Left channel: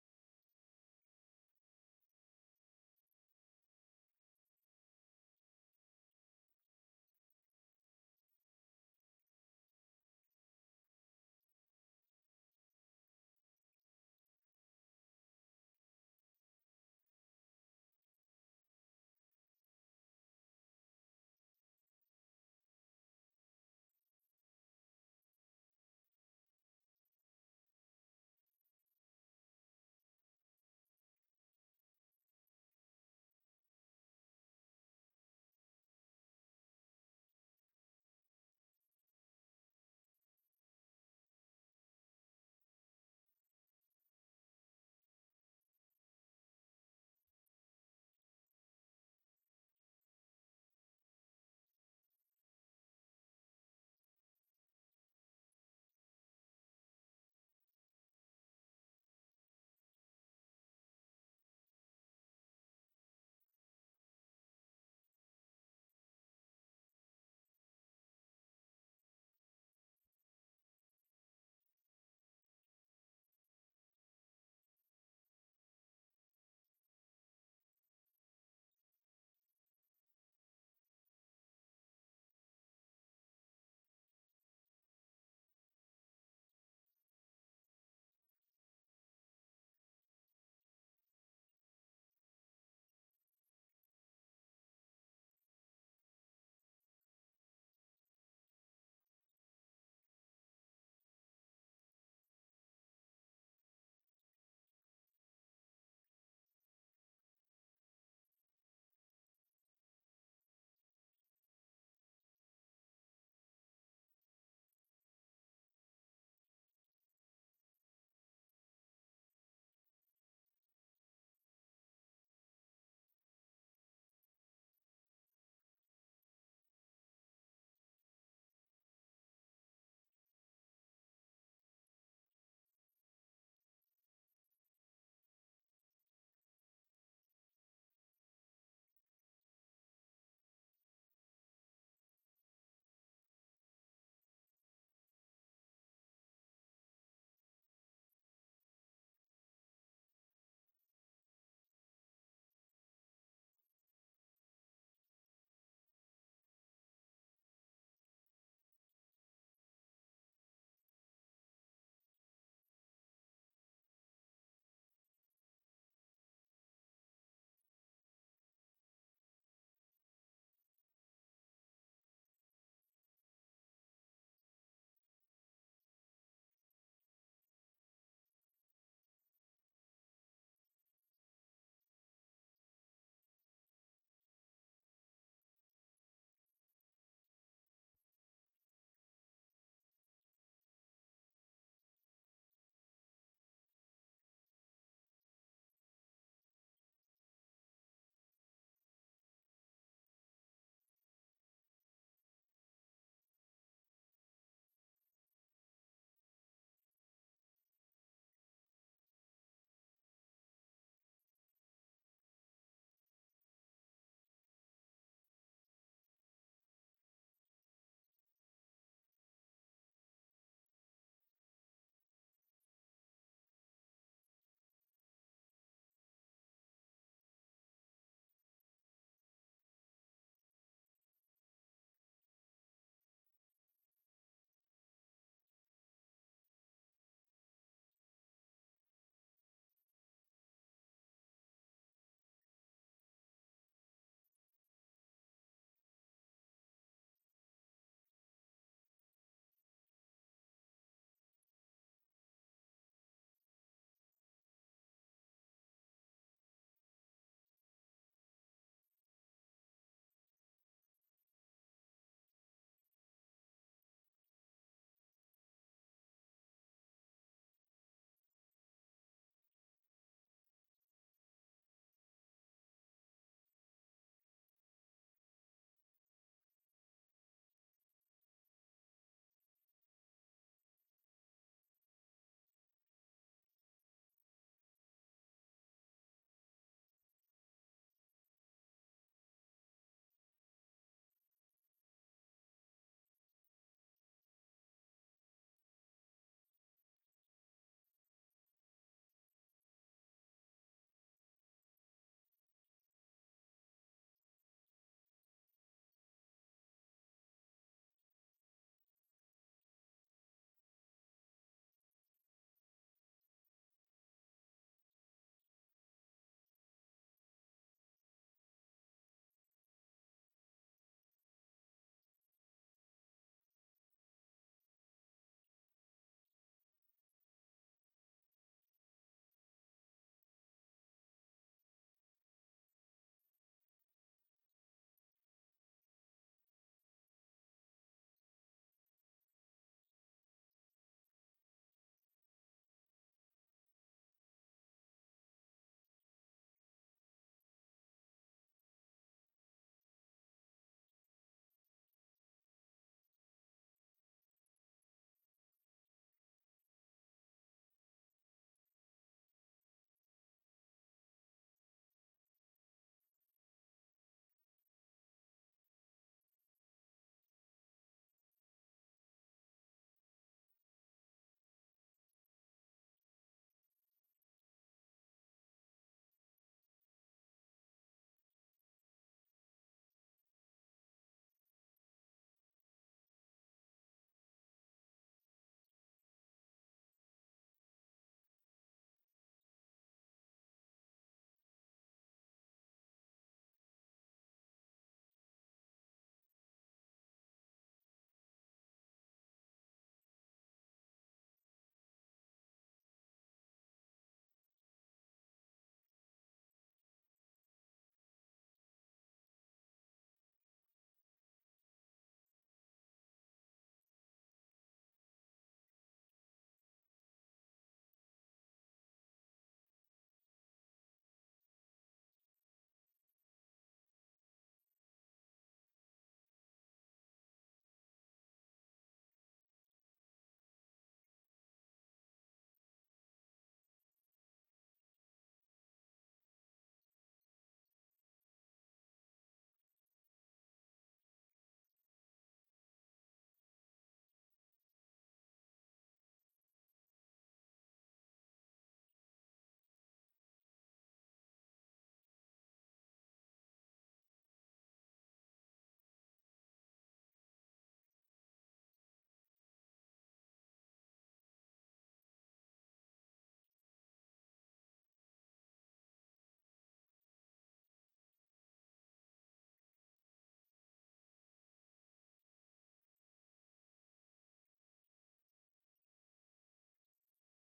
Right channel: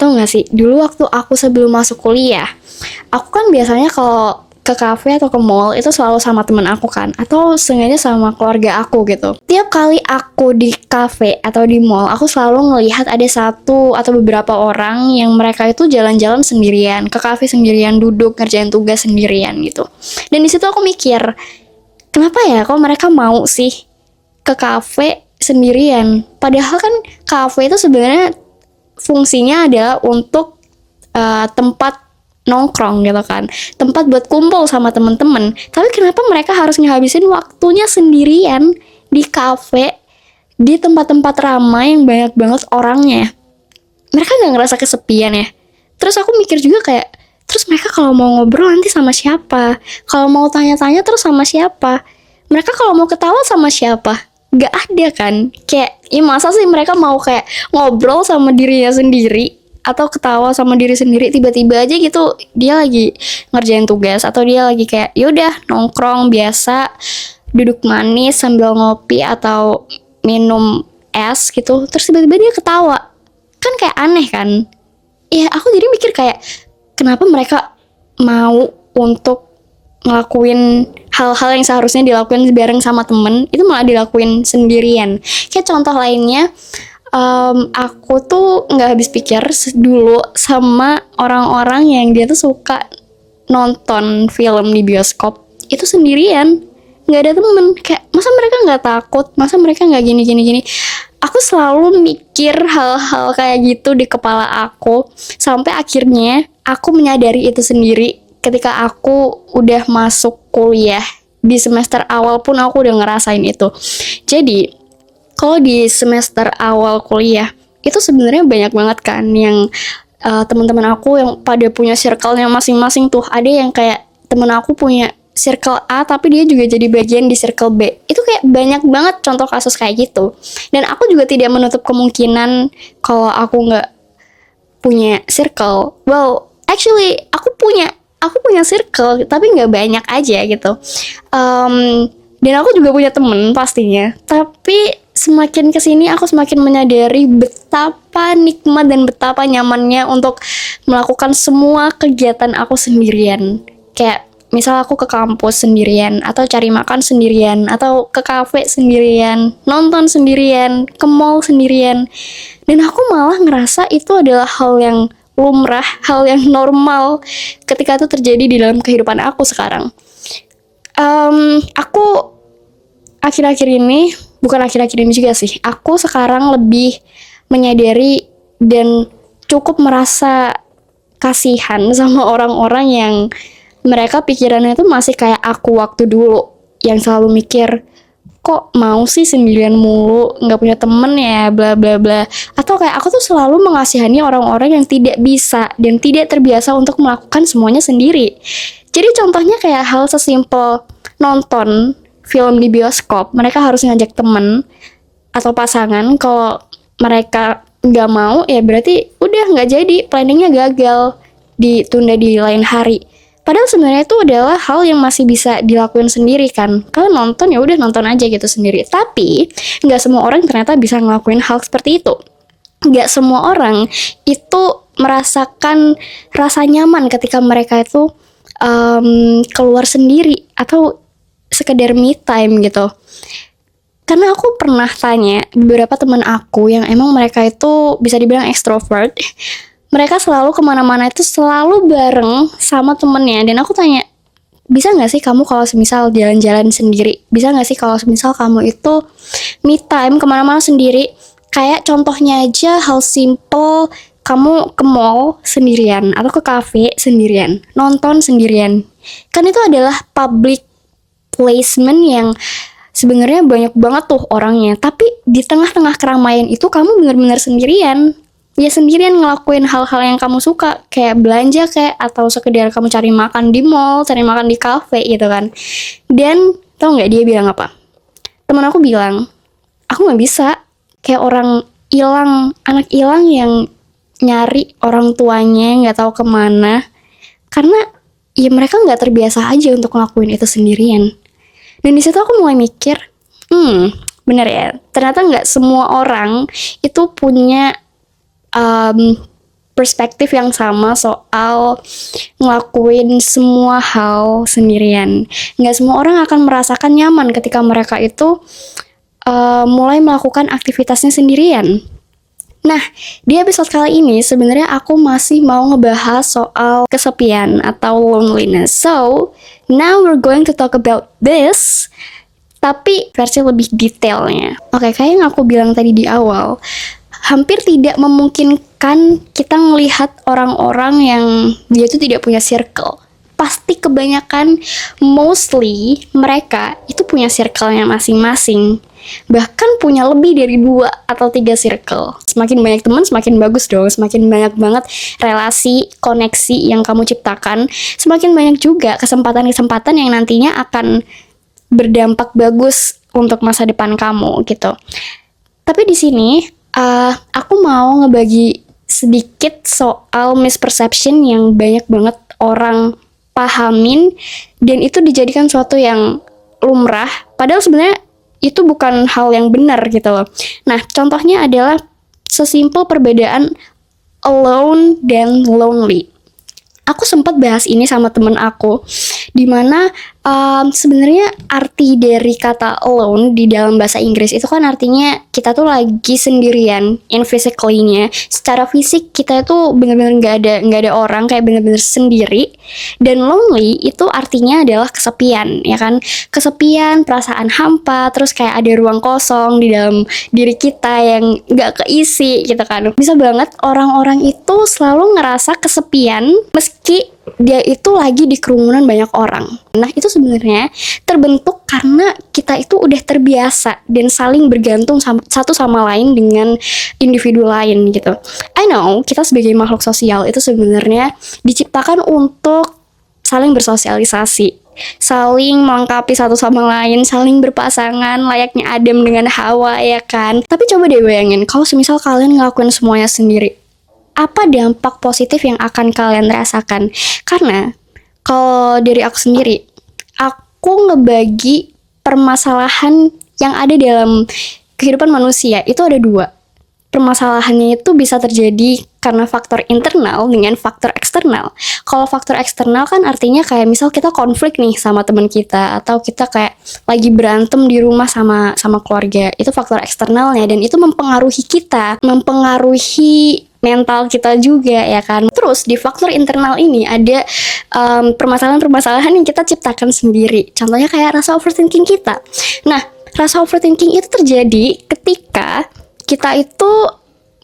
Tau gak sih, dulu waktu aku sebelum masuk kuliah, aku kan biasanya kalau ke kafe atau ke mall itu selalu sama temen aku kan, atau sengaja sama keluarga aku gitu. Tiap kali aku di kafe atau di mall, aku selalu ngelihat ada satu atau beberapa orang yang mereka itu jalan-jalan sendirian, ke kafe sendirian, duduk ngerjain tugas sendirian gitu. Dan di situ aku mikir, kenapa ya kok mereka mau sih ke kafe sendirian? Padahal kan kafe itu sebenarnya fungsinya adalah untuk tempat nongkrong gitu kan, tempat buat kumpul sama temen-temen. Tapi kenapa mereka harus ngehabisin waktunya sendirian di kafe, di tempat-tempat ramai yang banyak banget orangnya? Mereka nggak ngerasa kesepian ya? Terus aku mikir juga kayak, terus mereka kalau mau ngobrol nanti sama siapa? Kalau mau tanya-tanya terus sama siapa? Mereka kalau mau ketawa sama siapa? Gak ada kan? Kayak, ya masa sih mereka mau kayak ngobrol sama dirinya sendiri atau ketawa sama diri sendiri, tiba-tiba aja gitu dia lagi ngerjain tugas atau dia lagi kayak yaudah nongkrong biasa, duduk manis sambil ngopi atau minum es gitu, terus tiba-tiba dia ketawa, kan kayak aneh kan? Ya aku jadi mikir kayak, kenapa mereka mau untuk ngelakuin hal-hal yang seharusnya dilakuin bareng sama temen, itu malah dilakuin sendirian. Kayak contoh lainnya, aku tuh nggak habis pikir dulu sama orang-orang yang dia tuh suka nonton film di bioskop itu sendirian, nggak ada temen. Kayak masa mereka nggak takut, masa mereka nggak gini gini gini. Aku selalu mikir hal-hal kayak gitu di kepala aku sampai akhirnya aku menyadari itu sendiri ketika aku udah masuk kuliah. Di semester awal pun aku udah ngerasain itu. Jadi kalau di semester awal kuliah itu sebenarnya banyak banget kan yang teman-teman aku yang pada punya circle-nya masing-masing tuh. Ada yang kayak temen aku punya circle A tapi dia juga jadi bagian di circle B. Itu kayak banyak banget contoh kasus kayak gitu. Dan aku juga tidak menutup kemungkinan kalau aku nggak punya circle. Well, actually aku punya circle tapi nggak banyak aja gitu. Dan aku juga punya temen pastinya, tapi semakin kesini aku semakin menyadari betapa nikmat dan betapa nyamannya untuk melakukan semua kegiatan aku sendirian. Kayak misal aku ke kampus sendirian, atau cari makan sendirian, atau ke kafe sendirian, nonton sendirian, ke mall sendirian. Dan aku malah ngerasa itu adalah hal yang lumrah, hal yang normal ketika itu terjadi di dalam kehidupan aku sekarang. Aku akhir-akhir ini, bukan akhir-akhir ini juga sih, aku sekarang lebih menyadari dan cukup merasa kasihan sama orang-orang yang mereka pikirannya itu masih kayak aku waktu dulu, yang selalu mikir kok mau sih sendirian mulu, nggak punya temen ya, bla bla bla. Atau kayak aku tuh selalu mengasihani orang-orang yang tidak bisa dan tidak terbiasa untuk melakukan semuanya sendiri. Jadi contohnya kayak hal sesimpel nonton film di bioskop, mereka harus ngajak temen atau pasangan. Kalau mereka nggak mau, ya berarti udah nggak jadi, planningnya gagal, ditunda di lain hari. Padahal sebenarnya itu adalah hal yang masih bisa dilakuin sendiri kan. Kalau nonton ya udah nonton aja gitu sendiri. Tapi nggak semua orang ternyata bisa ngelakuin hal seperti itu. Nggak semua orang itu merasakan rasa nyaman ketika mereka itu keluar sendiri atau sekedar me time gitu. Karena aku pernah tanya beberapa teman aku yang emang mereka itu bisa dibilang extrovert, mereka selalu kemana-mana itu selalu bareng sama temennya. Dan aku tanya, bisa gak sih kamu kalau semisal jalan-jalan sendiri? Bisa gak sih kalau semisal kamu itu me time kemana-mana sendiri? Kayak contohnya aja hal simple, kamu ke mall sendirian atau ke cafe sendirian, nonton sendirian. Kan itu adalah public placement yang sebenarnya banyak banget tuh orangnya. Tapi di tengah-tengah keramaian itu kamu benar-benar sendirian. Ya sendirian ngelakuin hal-hal yang kamu suka, kayak belanja kayak, atau sekedar kamu cari makan di mall, cari makan di cafe gitu kan. Dan tau nggak dia bilang apa? Teman aku bilang, aku nggak bisa, kayak orang hilang, anak hilang yang nyari orang tuanya nggak tahu kemana, karena ya mereka nggak terbiasa aja untuk ngelakuin itu sendirian. Dan di situ aku mulai mikir, bener ya, ternyata nggak semua orang itu punya perspektif yang sama soal ngelakuin semua hal sendirian. Nggak semua orang akan merasakan nyaman ketika mereka itu mulai melakukan aktivitasnya sendirian. Nah, di episode kali ini sebenarnya aku masih mau ngebahas soal kesepian atau loneliness. So, now we're going to talk about this, tapi versi lebih detailnya. Oke, kayak yang aku bilang tadi di awal, hampir tidak memungkinkan kita melihat orang-orang yang dia itu tidak punya circle. Pasti kebanyakan, mostly mereka itu punya circle-nya masing-masing. Bahkan punya lebih dari 2 atau 3 circle. Semakin banyak teman, semakin bagus dong. Semakin banyak banget relasi, koneksi yang kamu ciptakan. Semakin banyak juga kesempatan-kesempatan yang nantinya akan berdampak bagus untuk masa depan kamu gitu. Tapi di sini aku mau ngebagi sedikit soal misperception yang banyak banget orang pahamin dan itu dijadikan suatu yang lumrah, padahal sebenarnya itu bukan hal yang benar gitu loh. Nah, contohnya adalah sesimpel perbedaan alone dan lonely. Aku sempat bahas ini sama temen aku, dimana sebenarnya arti dari kata alone di dalam bahasa Inggris itu kan artinya kita tuh lagi sendirian, in physically-nya. Secara fisik kita itu benar-benar nggak ada orang, kayak benar-benar sendiri. Dan lonely itu artinya adalah kesepian, ya kan? Kesepian, perasaan hampa, terus kayak ada ruang kosong di dalam diri kita yang nggak keisi gitu kan. Bisa banget orang-orang itu selalu ngerasa kesepian meski dia itu lagi di kerumunan banyak orang. Nah, itu sebenarnya terbentuk karena kita itu udah terbiasa dan saling bergantung satu sama lain dengan individu lain gitu. I know, kita sebagai makhluk sosial itu sebenarnya diciptakan untuk saling bersosialisasi, saling melengkapi satu sama lain, saling berpasangan layaknya Adam dengan Hawa, ya kan? Tapi coba deh bayangin, kalau semisal kalian ngelakuin semuanya sendiri, apa dampak positif yang akan kalian rasakan? Karena kalau dari aku sendiri, aku ngebagi permasalahan yang ada dalam kehidupan manusia itu ada 2. Permasalahannya itu bisa terjadi karena faktor internal dengan faktor eksternal. Kalau faktor eksternal kan artinya kayak misal kita konflik nih sama teman kita, atau kita kayak lagi berantem di rumah sama keluarga. Itu faktor eksternalnya dan itu mempengaruhi kita, mempengaruhi mental kita juga, ya kan. Terus di faktor internal ini ada permasalahan-permasalahan yang kita ciptakan sendiri. Contohnya kayak rasa overthinking kita. Nah, rasa overthinking itu terjadi ketika kita itu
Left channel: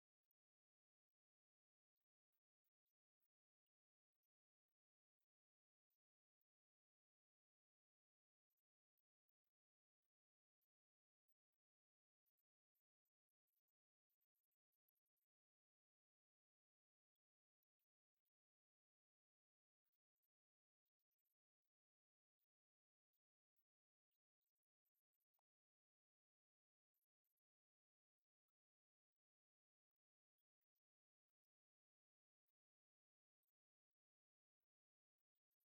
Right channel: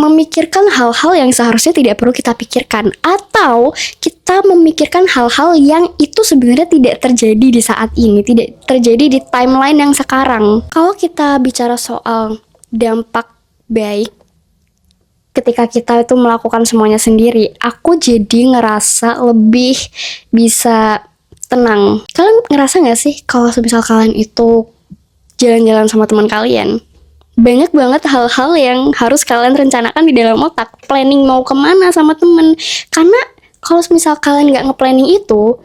memikirkan hal-hal yang seharusnya tidak perlu kita pikirkan, atau kita memikirkan hal-hal yang itu sebenarnya tidak terjadi di saat ini, tidak terjadi di timeline yang sekarang. Kalau kita bicara soal dampak baik ketika kita itu melakukan semuanya sendiri, aku jadi ngerasa lebih bisa tenang. Kalian ngerasa gak sih kalau misal kalian itu jalan-jalan sama teman kalian, banyak banget hal-hal yang harus kalian rencanakan di dalam otak, planning mau kemana sama temen. Karena kalau misal kalian nggak nge-planning itu,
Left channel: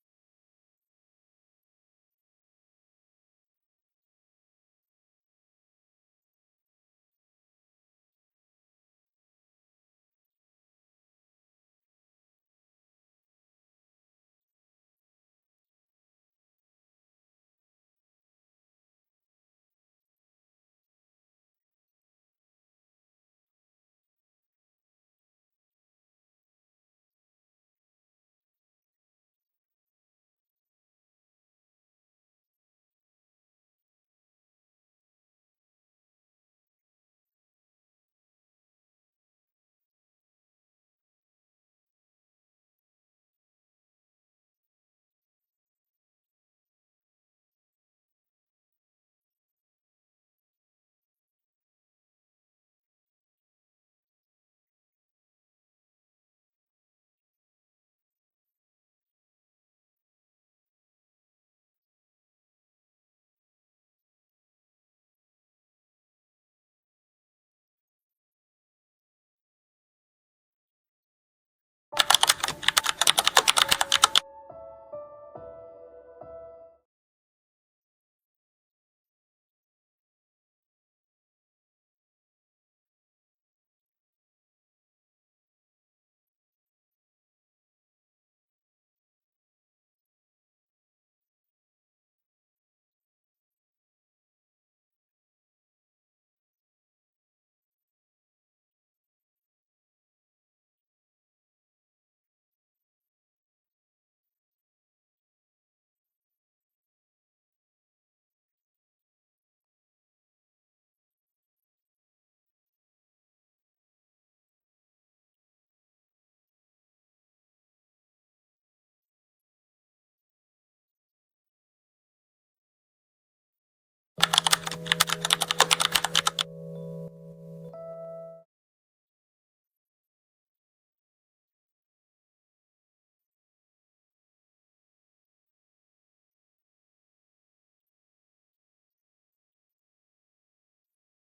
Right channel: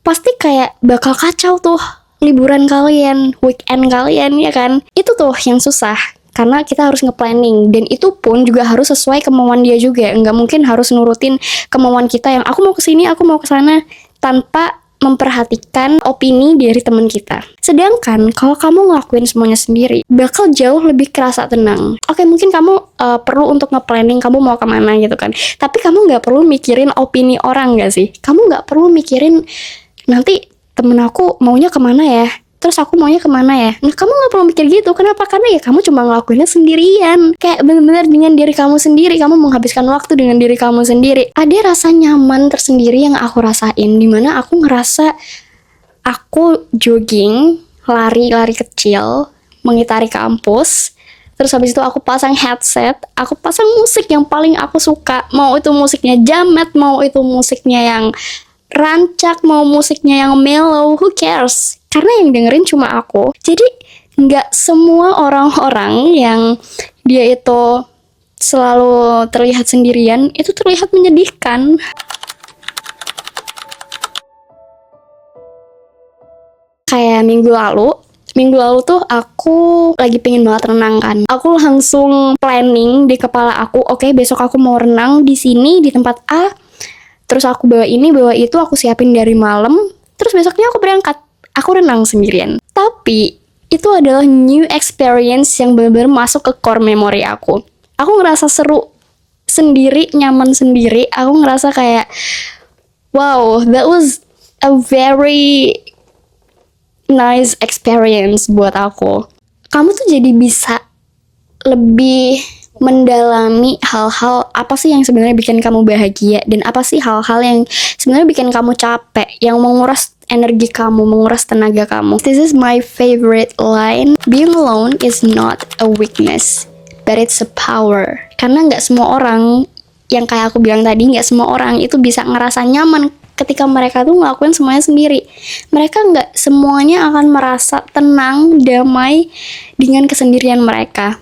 pasti kayak bakal kacau tuh liburan kalian, weekend kalian, ya kan? Itu tuh yang susah, karena kita harus nge-planning, dan itu pun juga harus sesuai kemauan dia juga. Nggak mungkin harus nurutin kemauan kita yang aku mau kesini, aku mau kesana, tanpa memperhatikan opini dari teman kita. Sedangkan kalau kamu ngelakuin semuanya sendiri, bakal jauh lebih kerasa tenang. Oke, mungkin kamu perlu untuk nge-planning kamu mau kemana gitu kan, tapi kamu nggak perlu mikirin opini orang nggak sih? Kamu nggak perlu mikirin nanti temen aku maunya kemana ya, terus aku maunya kemana ya. Nah, kamu gak perlu mikir gitu. Kenapa? Karena ya kamu cuma ngelakuinnya sendirian. Kayak bener-bener dengan diri kamu sendiri. Kamu menghabiskan waktu dengan diri kamu sendiri. Ada rasa nyaman tersendiri yang aku rasain, dimana aku ngerasa aku jogging, lari kecil, mengitari kampus. Terus habis itu aku pasang headset, aku pasang musik yang paling aku suka. Mau itu musiknya jamet, mau itu musiknya yang rancak, mau musiknya yang mellow, who cares? Karena yang dengerin cuma aku. Jadi nggak semua orang-orang yang dia itu selalu terlihat sendirian itu terlihat menyedihkan. Kayak minggu lalu Minggu lalu tuh aku lagi pengen banget renang kan. Aku langsung planning di kepala aku, oke, besok aku mau renang di sini di tempat A. Terus aku bawa ini, bawa itu, aku siapin dari malam. Terus besoknya aku berangkat. Aku renang sendirian. Tapi itu adalah new experience yang benar-benar masuk ke core memory aku. Aku ngerasa seru sendiri, nyaman sendiri. Aku ngerasa kayak, wow, that was a very nice experience buat aku. Kamu tuh jadi bisa lebih mendalami hal-hal apa sih yang sebenarnya bikin kamu bahagia dan apa sih hal-hal yang sebenarnya bikin kamu capek, yang menguras energi kamu, menguras tenaga kamu. This is my favorite line. Being alone is not a weakness, but it's a power. Karena nggak semua orang, yang kayak aku bilang tadi, nggak semua orang itu bisa ngerasa nyaman ketika mereka tuh ngelakuin semuanya sendiri. Mereka nggak semuanya akan merasa tenang, damai dengan kesendirian mereka.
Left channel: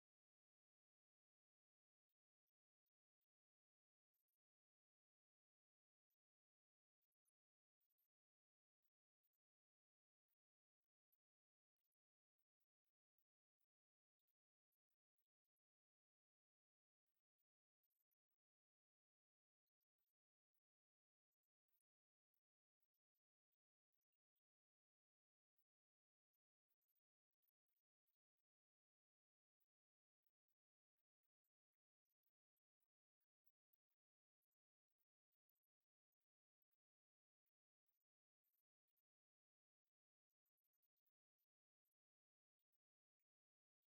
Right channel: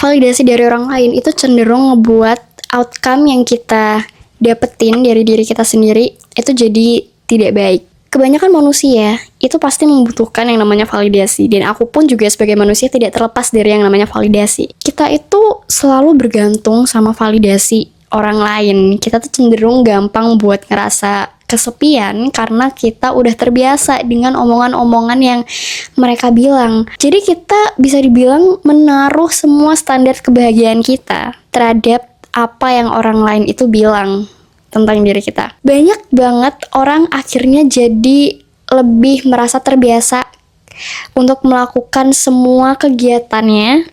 Validasi dari orang lain itu cenderung ngebuat outcome yang kita dapetin dari diri kita sendiri itu jadi tidak baik. Kebanyakan manusia itu pasti membutuhkan yang namanya validasi, dan aku pun juga sebagai manusia tidak terlepas dari yang namanya validasi. Kita itu selalu bergantung sama validasi orang lain. Kita tuh cenderung gampang buat ngerasa kesepian karena kita udah terbiasa dengan omongan-omongan yang mereka bilang. Jadi kita bisa dibilang menaruh semua standar kebahagiaan kita terhadap apa yang orang lain itu bilang tentang diri kita. Banyak banget orang akhirnya jadi lebih merasa terbiasa untuk melakukan semua kegiatannya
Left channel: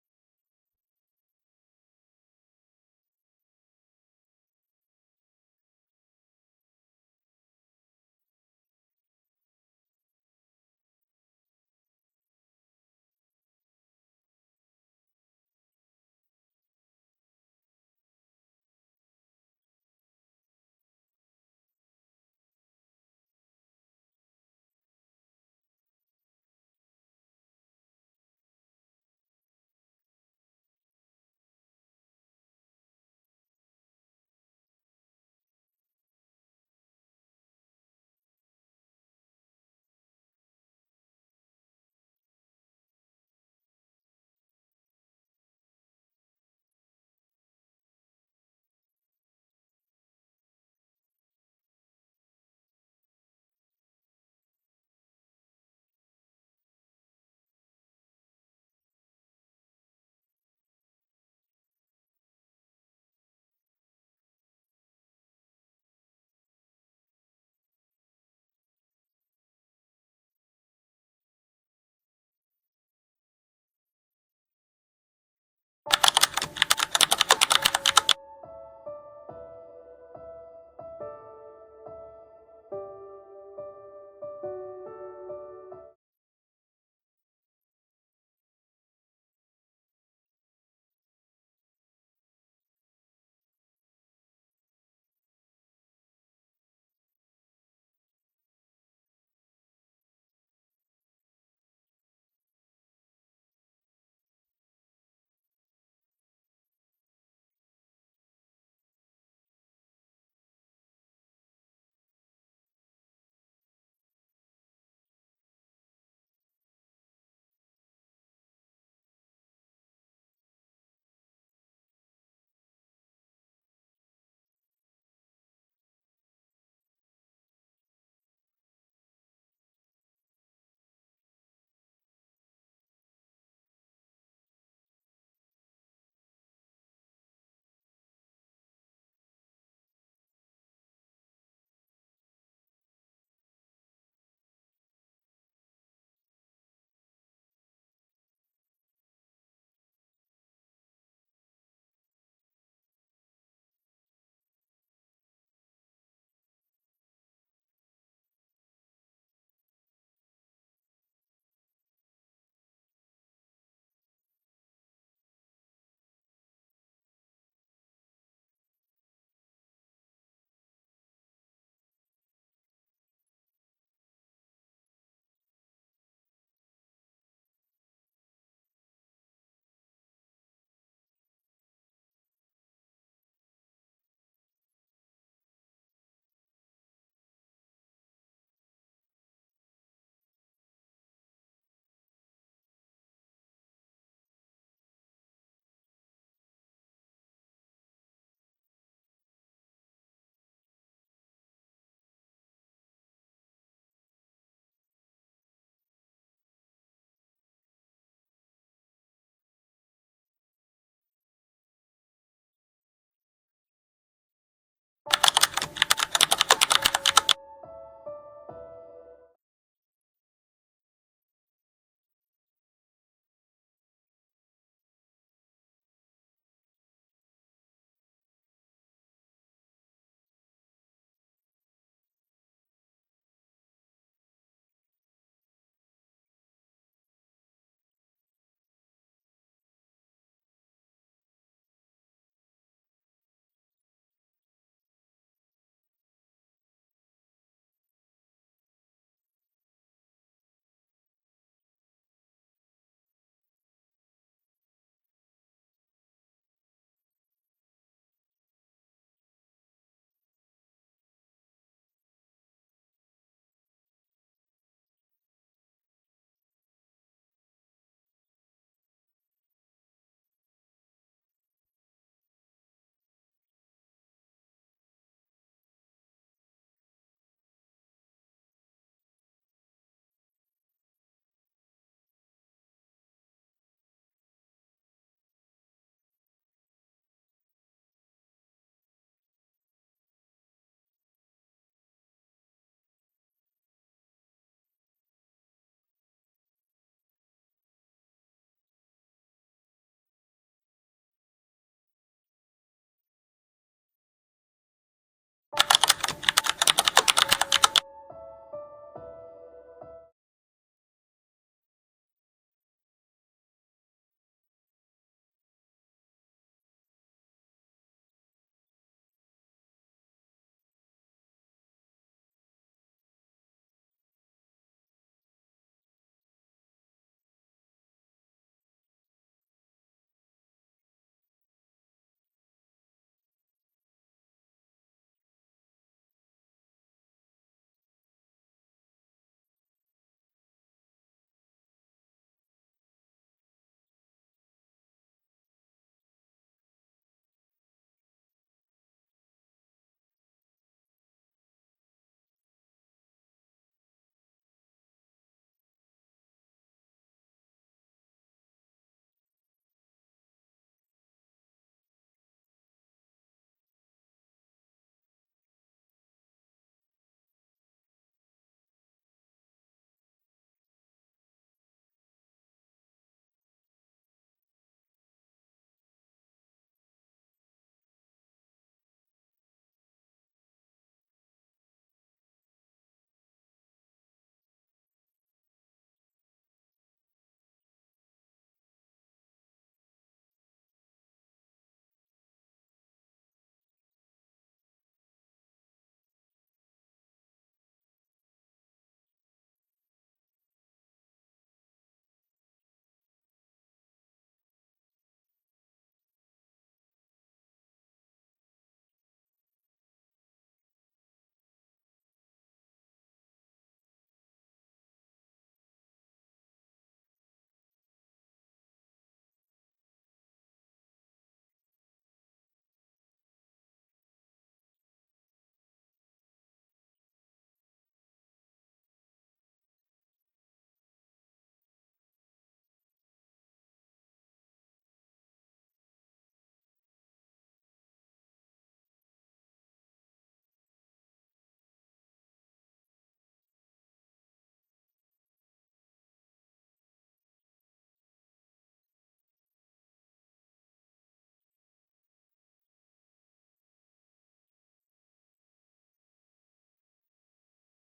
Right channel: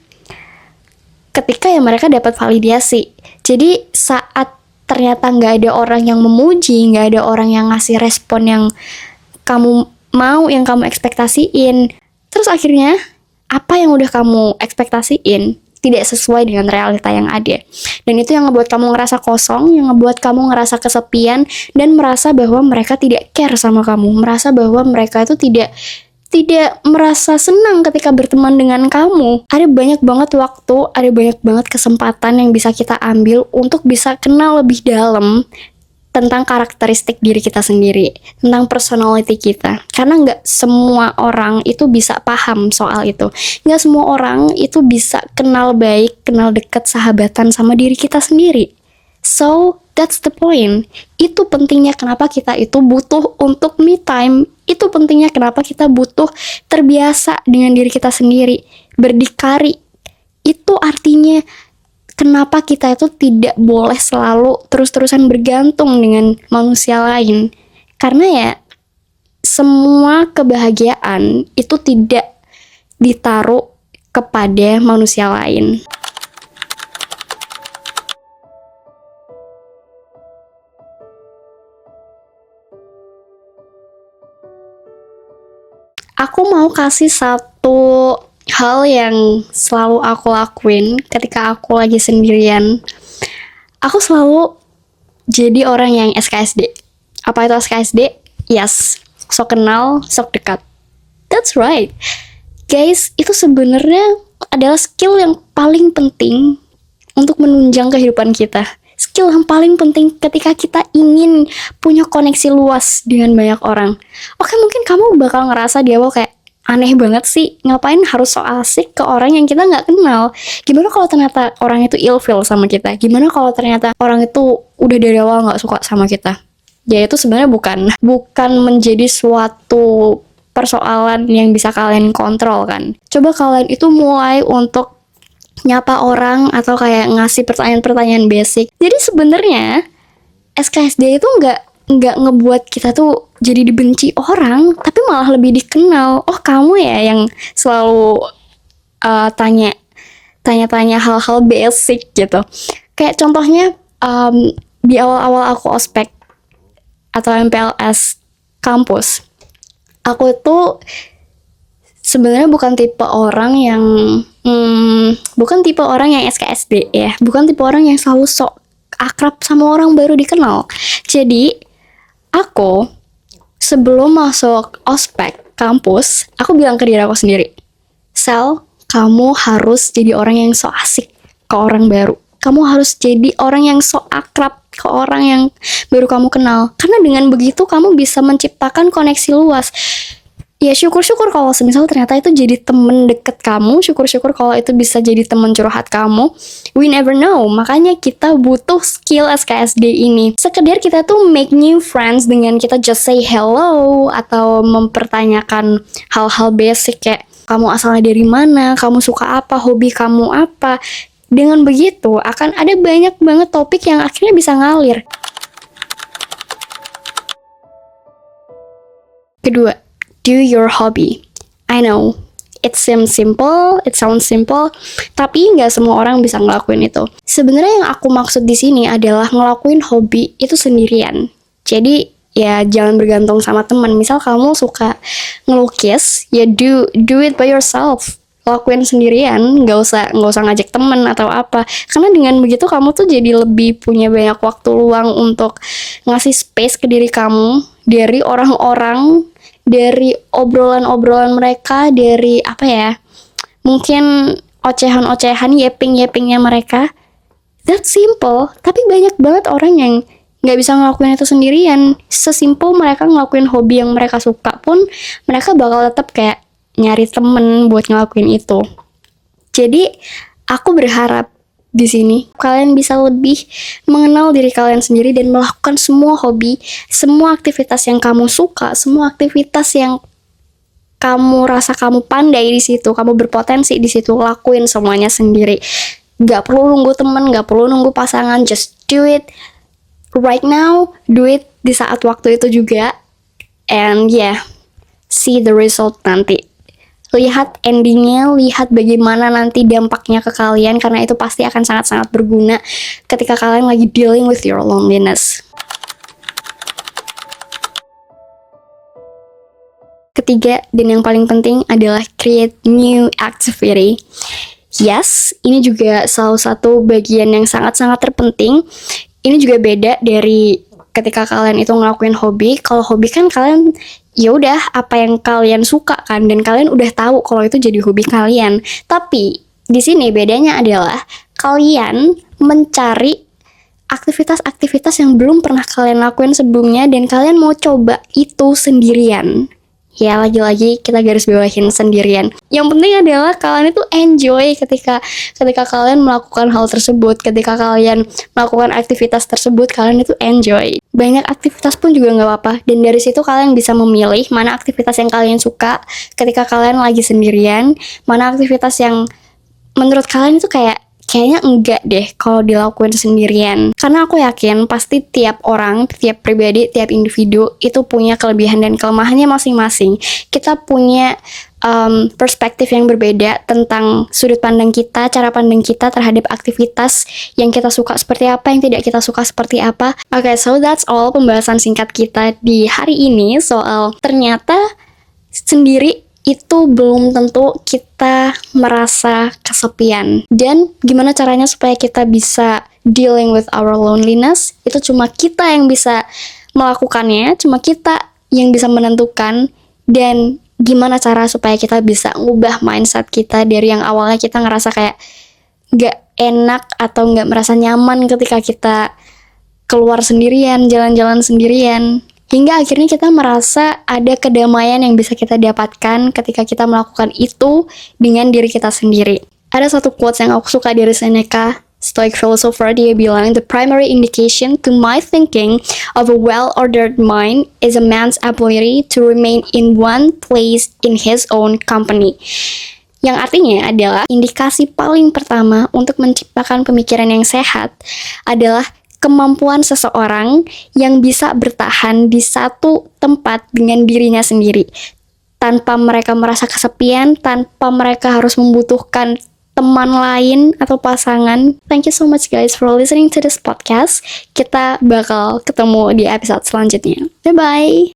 ketika ya mereka dapat validasi. Jadi saat ternyata nggak ada orang yang memuji, nggak ada orang yang ngasih respon yang kamu mau, yang kamu ekspektasiin, terus akhirnya apa yang udah kamu ekspektasiin tidak sesuai dengan realita yang ada. Dan itu yang ngebuat kamu ngerasa kosong, yang ngebuat kamu ngerasa kesepian, dan merasa bahwa mereka tidak care sama kamu, merasa bahwa mereka itu tidak merasa senang ketika berteman dengan kamu. Ada banyak banget waktu, ada banyak banget kesempatan yang bisa kita ambil untuk bisa kenal lebih dalam tentang karakteristik diri kita sendiri, tentang personality kita. Karena nggak semua orang itu bisa paham soal itu. Nggak semua orang itu bisa kenal baik, kenal dekat, sahabatan sama diri kita sendiri. So, that's the point. Itu pentingnya kenapa kita itu butuh untuk me time. Itu pentingnya kenapa kita butuh terbiasa dengan diri kita sendiri. Berdikari. Itu artinya kenapa kita itu tidak boleh selalu terus-terusan bergantung dengan manusia lain. Karena ya, semua kebahagiaan itu tidak ditaruh kepada manusia lain. Aku mau kasih satu hal yang selalu aku lakuin ketika aku lagi sendirian. Aku selalu jadi orang yang SKSD. Apa itu SKSD? Yes, sok kenal, sok dekat. That's right. Guys, itu sebenarnya adalah skill yang paling penting untuk menunjang kehidupan kita. Skill yang paling penting ketika kita ingin punya koneksi luas dengan banyak orang. Oke, mungkin kamu bakal ngerasa di awal kayak, aneh banget sih, ngapain harus so asik ke orang yang kita nggak kenal? Gimana kalau ternyata orang itu ilfeel sama kita? Gimana kalau ternyata orang itu udah dari awal nggak suka sama kita? Ya itu sebenarnya bukan menjadi suatu persoalan yang bisa kalian kontrol kan. Coba kalian itu mulai untuk nyapa orang atau kayak ngasih pertanyaan-pertanyaan basic. Jadi sebenarnya SKSD itu nggak ngebuat kita tuh jadi dibenci orang, tapi malah lebih dikenal. Oh, kamu ya yang selalu tanya-tanya hal-hal basic gitu. Kayak contohnya di awal-awal aku ospek atau MPLS kampus, aku tuh sebenarnya bukan tipe orang yang SKSD ya, bukan tipe orang yang selalu sok akrab sama orang baru dikenal. Jadi aku sebelum masuk ospek kampus, aku bilang ke diri aku sendiri, Sel, kamu harus jadi orang yang sok asik ke orang baru. Kamu harus jadi orang yang sok akrab ke orang yang baru kamu kenal. Karena dengan begitu kamu bisa menciptakan koneksi luas. Ya syukur-syukur kalau semisal ternyata itu jadi temen deket kamu, syukur-syukur kalau itu bisa jadi temen curhat kamu. We never know, makanya kita butuh skill SKSD ini. Sekedar kita tuh make new friends dengan kita just say hello, atau mempertanyakan hal-hal basic kayak kamu asalnya dari mana, kamu suka apa, hobi kamu apa. Dengan begitu akan ada banyak banget topik yang akhirnya bisa ngalir. Kedua, do your hobby. I know, it seems simple, it sounds simple, tapi nggak semua orang bisa ngelakuin itu. Sebenarnya yang aku maksud di sini adalah ngelakuin hobi itu sendirian. Jadi ya jangan bergantung sama teman. Misal kamu suka ngelukis, ya do it by yourself. Lakuin sendirian, nggak usah ngajak temen atau apa. Karena dengan begitu kamu tuh jadi lebih punya banyak waktu luang untuk ngasih space ke diri kamu dari orang-orang, dari obrolan-obrolan mereka, dari apa ya, mungkin ocehan-ocehan, yeping-yepingnya mereka. That's simple, tapi banyak banget orang yang nggak bisa ngelakuin itu sendirian. Sesimpel mereka ngelakuin hobi yang mereka suka pun, mereka bakal tetap kayak nyari temen buat ngelakuin itu. Jadi aku berharap di sini kalian bisa lebih mengenal diri kalian sendiri dan melakukan semua hobi, semua aktivitas yang kamu suka, semua aktivitas yang kamu rasa kamu pandai di situ, kamu berpotensi di situ, lakuin semuanya sendiri. Gak perlu nunggu temen, gak perlu nunggu pasangan, just do it right now, do it di saat waktu itu juga, and yeah, see the result nanti. Lihat endingnya, lihat bagaimana nanti dampaknya ke kalian, karena itu pasti akan sangat-sangat berguna ketika kalian lagi dealing with your loneliness. Ketiga, dan yang paling penting adalah create new activity. Yes, ini juga salah satu bagian yang sangat-sangat terpenting. Ini juga beda dari ketika kalian itu ngelakuin hobi. Kalau hobi kan kalian ya udah apa yang kalian suka kan, dan kalian udah tahu kalau itu jadi hobi kalian. Tapi di sini bedanya adalah kalian mencari aktivitas-aktivitas yang belum pernah kalian lakuin sebelumnya dan kalian mau coba itu sendirian. Ya lagi-lagi kita garis bawahin sendirian. Yang penting adalah kalian itu enjoy ketika kalian melakukan hal tersebut, ketika kalian melakukan aktivitas tersebut, kalian itu enjoy. Banyak aktivitas pun juga nggak apa-apa, dan dari situ kalian bisa memilih mana aktivitas yang kalian suka ketika kalian lagi sendirian, mana aktivitas yang menurut kalian itu kayaknya enggak deh kalau dilakuin sendirian. Karena aku yakin pasti tiap orang, tiap pribadi, tiap individu itu punya kelebihan dan kelemahannya masing-masing. Kita punya perspektif yang berbeda tentang sudut pandang kita, cara pandang kita terhadap aktivitas yang kita suka seperti apa, yang tidak kita suka seperti apa. Okay, so that's all pembahasan singkat kita di hari ini soal ternyata sendiri itu belum tentu kita merasa kesepian. Dan gimana caranya supaya kita bisa dealing with our loneliness, itu cuma kita yang bisa melakukannya, cuma kita yang bisa menentukan. Dan gimana cara supaya kita bisa ngubah mindset kita dari yang awalnya kita ngerasa kayak gak enak atau gak merasa nyaman ketika kita keluar sendirian, jalan-jalan sendirian, hingga akhirnya kita merasa ada kedamaian yang bisa kita dapatkan ketika kita melakukan itu dengan diri kita sendiri. Ada satu quotes yang aku suka dari Seneca, Stoic philosopher. Dia bilang, "The primary indication to my thinking of a well-ordered mind is a man's ability to remain in one place in his own company." Yang artinya adalah indikasi paling pertama untuk menciptakan pemikiran yang sehat adalah kemampuan seseorang yang bisa bertahan di satu tempat dengan dirinya sendiri, tanpa mereka merasa kesepian, tanpa mereka harus membutuhkan teman lain atau pasangan. Thank you so much guys for listening to this podcast. Kita bakal ketemu di episode selanjutnya. Bye-bye!